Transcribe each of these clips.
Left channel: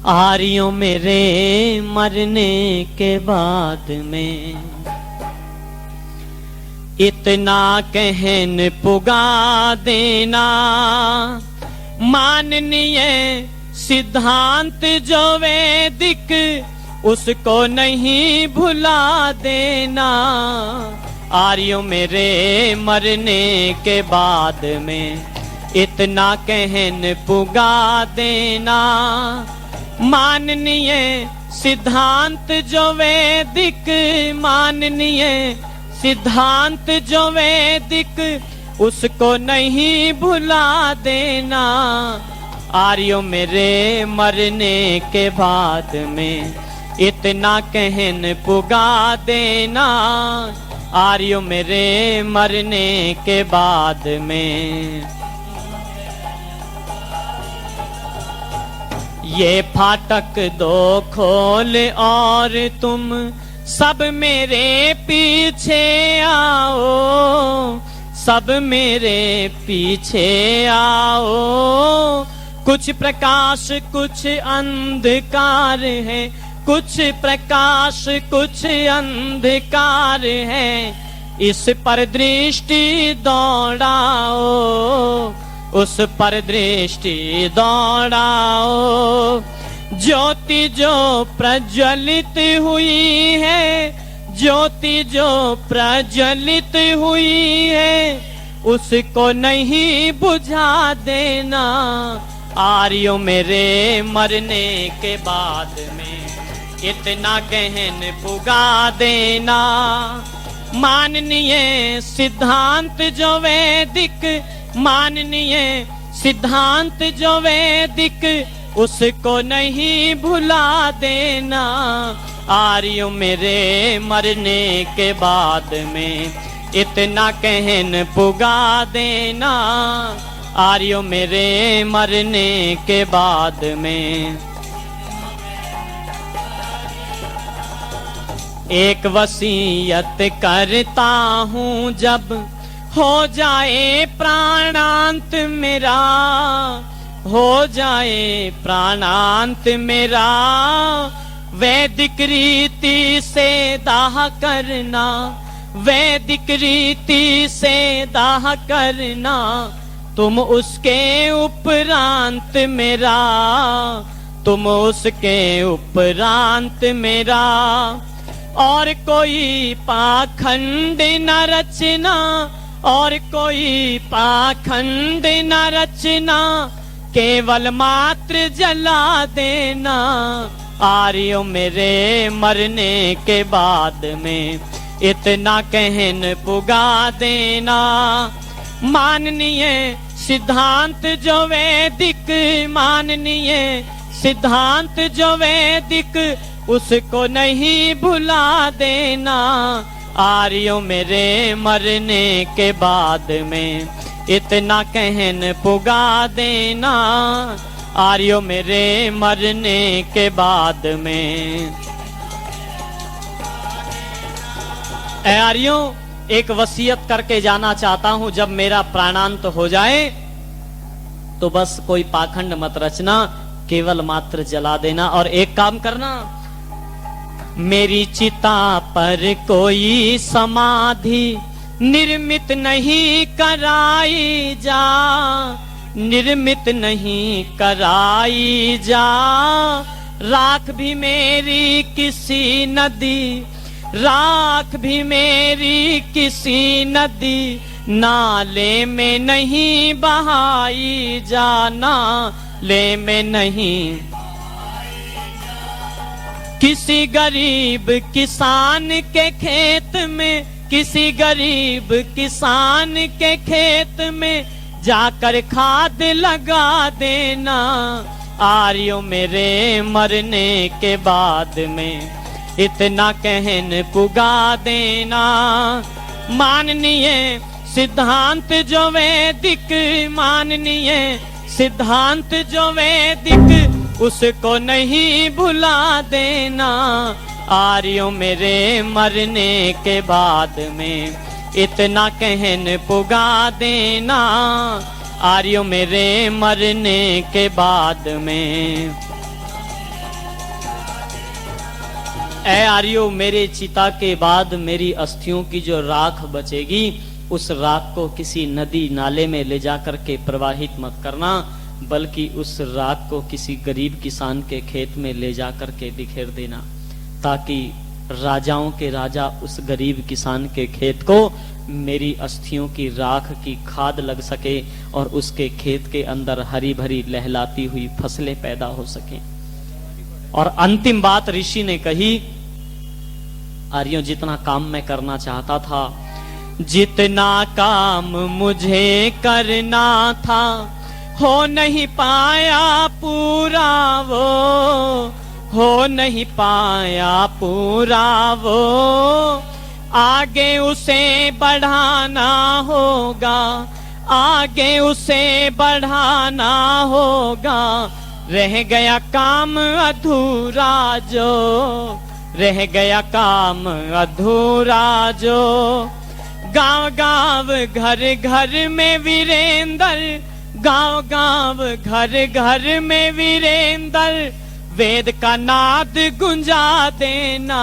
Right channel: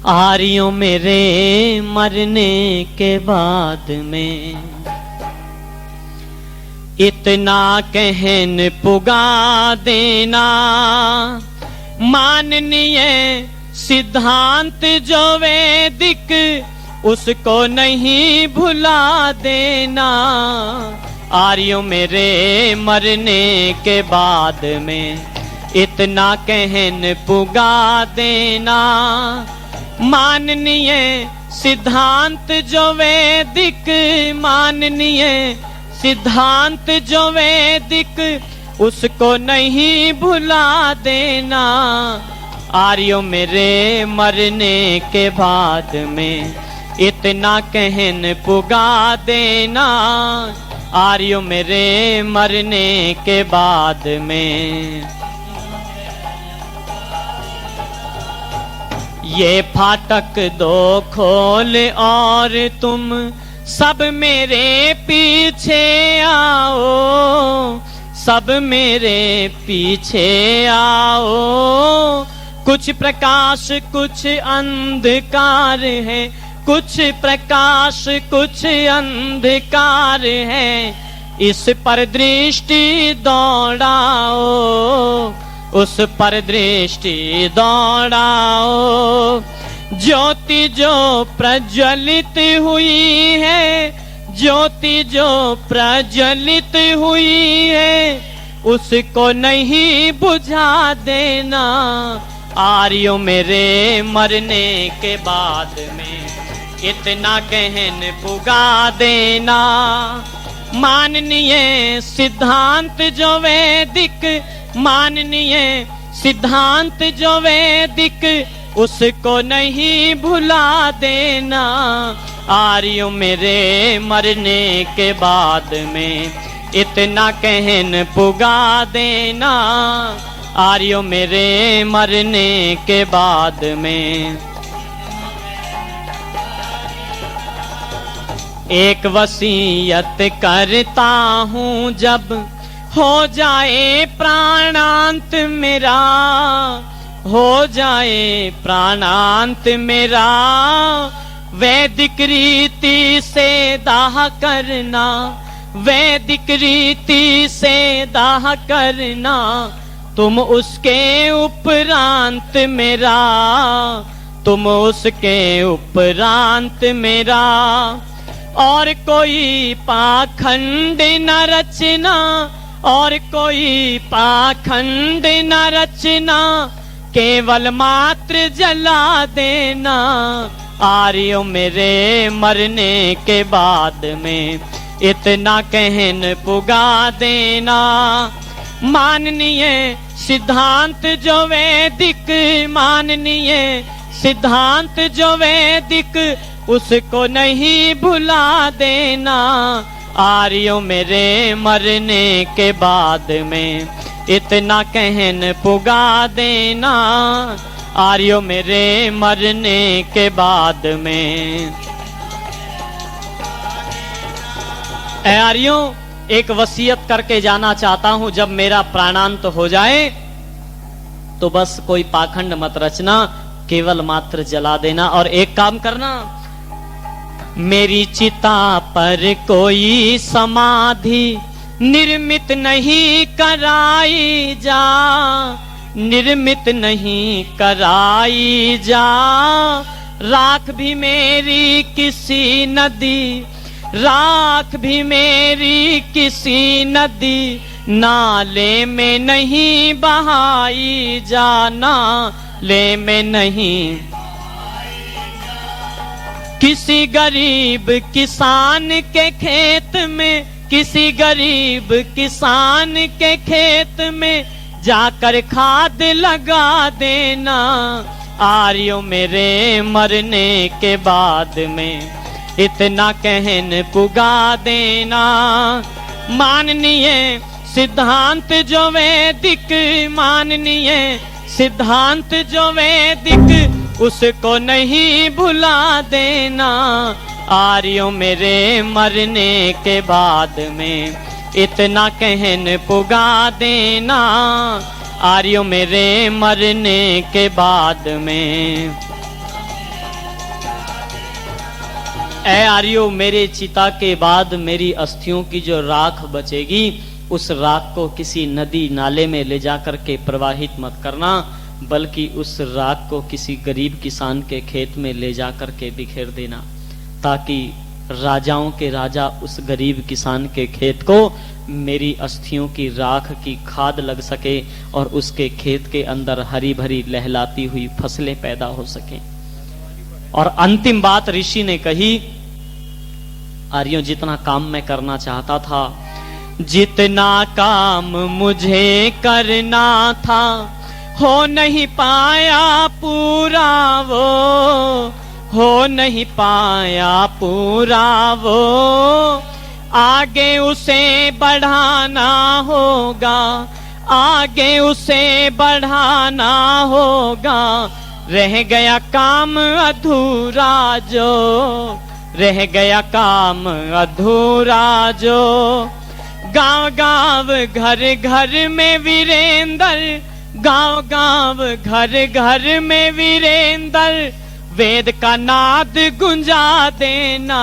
आर्यों मेरे मरने के बाद में इतना कहन पुगा देना, माननीय सिद्धांत जो वैदिक उसको नहीं भुला देना। आर्यों मेरे मरने के बाद में इतना कहन पुगा देना, माननीय सिद्धांत जो वैदिक, माननीय सिद्धांत जो वैदिक उसको नहीं भुला देना। आर्यों मेरे मरने के बाद में इतना कहन पुगा देना, आर्यों मेरे मरने के बाद में। ये फाटक दो खोल और तुम सब मेरे पीछे आओ, सब मेरे पीछे आओ। कुछ प्रकाश कुछ अंधकार है, कुछ प्रकाश कुछ अंधकार है, इस पर दृष्टि दौड़ाओ, उस पर दृष्टि दौड़ाओ। ज्योति जो प्रज्वलित हुई है, ज्योति जो प्रज्वलित हुई है, उसको नहीं बुझा देना। आर्यों मेरे मरने के बाद में इतना कहन पुगा देना, माननीय सिद्धांत जो वैदिक, माननीय सिद्धांत जो वैदिक उसको नहीं भुला देना। आर्यों मेरे मरने के बाद में इतना कहन पुगा देना, आर्यों मेरे मरने के बाद में। एक वसीयत करता हूँ जब हो जाए प्राणांत मेरा, हो जाए प्राणांत मेरा, वैदिक रीति से दाह करना, वैदिक रीति से दाह करना। तुम उसके उपरांत मेरा, तुम उसके उपरांत मेरा। और कोई पाखंड न रचना, और कोई पाखंड न रचना, केवल मात्र जला देना। आर्यों मेरे मरने के बाद में इतना कहन पुगा देना, माननीय सिद्धांत जो वैदिक, माननीय सिद्धांत जो वैदिक उसको नहीं भुला देना। आर्यों मेरे मरने के बाद में इतना कहन पुगा देना, आर्यों मेरे मरने के बाद में। आर्यों एक वसीयत करके जाना चाहता हूं, जब मेरा प्राणांत हो जाए तो बस कोई पाखंड मत रचना, केवल मात्र जला देना। और एक काम करना, मेरी चिता पर कोई समाधि निर्मित नहीं कराई जा, निर्मित नहीं कराई जा। राख भी मेरी किसी नदी, राख भी मेरी किसी नदी नाले में नहीं बहाई जा, नाले में नहीं। किसी गरीब किसान के खेत में, किसी गरीब किसान के खेत में जाकर खाद लगा देना। आर्यों मेरे मरने के बाद में इतना कहन पुगा देना, माननीय सिद्धांत जो वैदिक, माननीय सिद्धांत जो वैदिक उसको नहीं भुला देना। आर्यों मेरे मरने के बाद में इतना कहन पुगा देना, आर्यों मेरे मरने के बाद में। ऐ आर्यो, मेरे चिता के बाद मेरी अस्थियों की जो राख बचेगी, उस राख को किसी नदी नाले में ले जाकर के प्रवाहित मत करना, बल्कि उस राख को किसी गरीब किसान के खेत में ले जाकर के बिखेर देना, ताकि राजाओं के राजा उस गरीब किसान के खेत को मेरी अस्थियों की राख की खाद लग सके और उसके खेत के अंदर हरी भरी लहलाती हुई फसलें पैदा हो सके। और अंतिम बात ऋषि ने कही, आर्यों, जितना काम मैं करना चाहता था, जितना काम मुझे करना था, हो नहीं पाया पूरा वो, हो नहीं पाया पूरा वो, आगे उसे बढ़ाना होगा, आगे उसे बढ़ाना होगा, रह गया काम अधूरा जो, रह गया काम अधूरा जो। गांव गांव घर घर में वीरेंद्र, गांव गांव घर घर में वीरेंद्र, वेद का नाद गुंजा देना,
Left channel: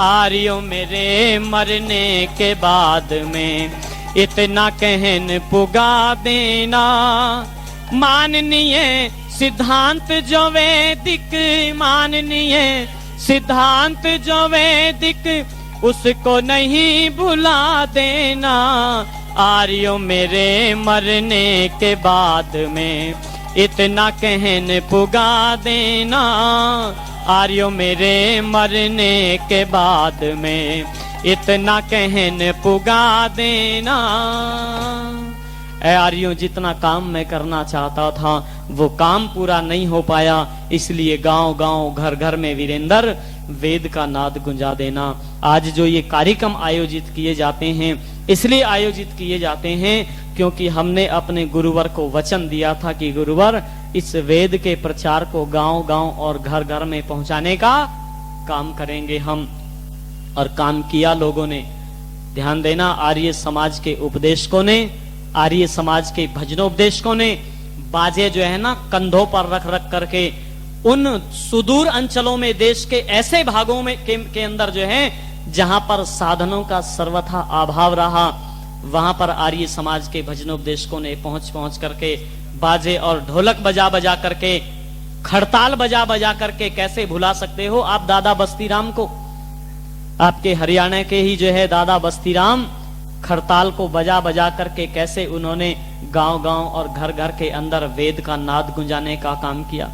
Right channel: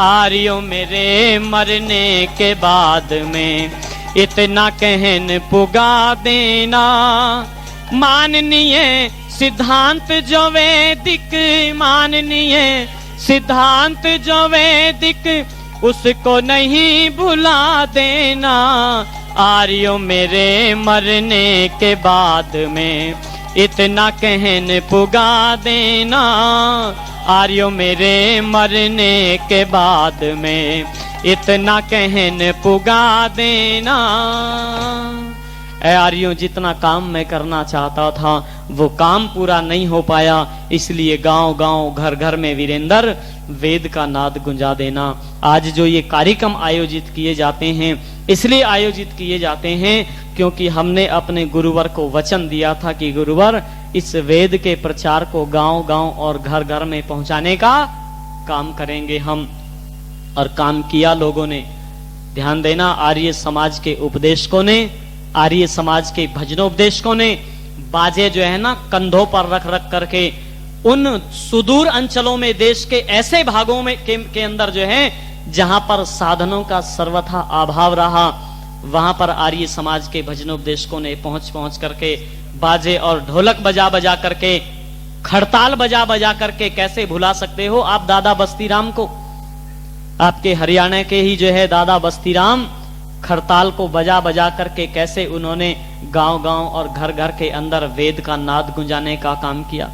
आर्यों मेरे मरने के बाद में इतना कहन पुगा देना। माननीय सिद्धांत जो वैदिक, माननीय सिद्धांत जो वैदिक, उसको नहीं भुला देना, आर्यों मेरे मरने के बाद में इतना कहन पुगा देना, आर्यों मेरे मरने के बाद में इतना कहन पुगा देना। ऐ आर्यों, जितना काम मैं करना चाहता था वो काम पूरा नहीं हो पाया, इसलिए गांव गांव घर घर में वीरेंद्र वेद का नाद गुंजा देना। आज जो ये कार्यक्रम आयोजित किए जाते हैं, इसलिए आयोजित किए जाते हैं क्योंकि हमने अपने गुरुवर को वचन दिया था कि गुरुवर, इस वेद के प्रचार को गांव गांव और घर घर में पहुंचाने का काम करेंगे हम, और काम किया लोगों ने। ध्यान देना, आर्य समाज के उपदेशकों ने, आर्य समाज के भजनोपदेशकों ने बाजे जो है ना कंधों पर रख रख करके उन सुदूर अंचलों में, देश के ऐसे भागों में के अंदर जो है जहां पर साधनों का सर्वथा अभाव रहा, वहां पर आर्य समाज के भजनोपदेशकों ने पहुंच पहुंच करके बाजे और ढोलक बजा बजा करके, खड़ताल बजा बजा करके, कैसे भुला सकते हो आप दादा बस्तीराम को? आपके हरियाणा के ही जो है दादा बस्तीराम खड़ताल को बजा बजा करके कैसे उन्होंने गांव गांव और घर घर के अंदर वेद का नाद गुंजाने का काम किया।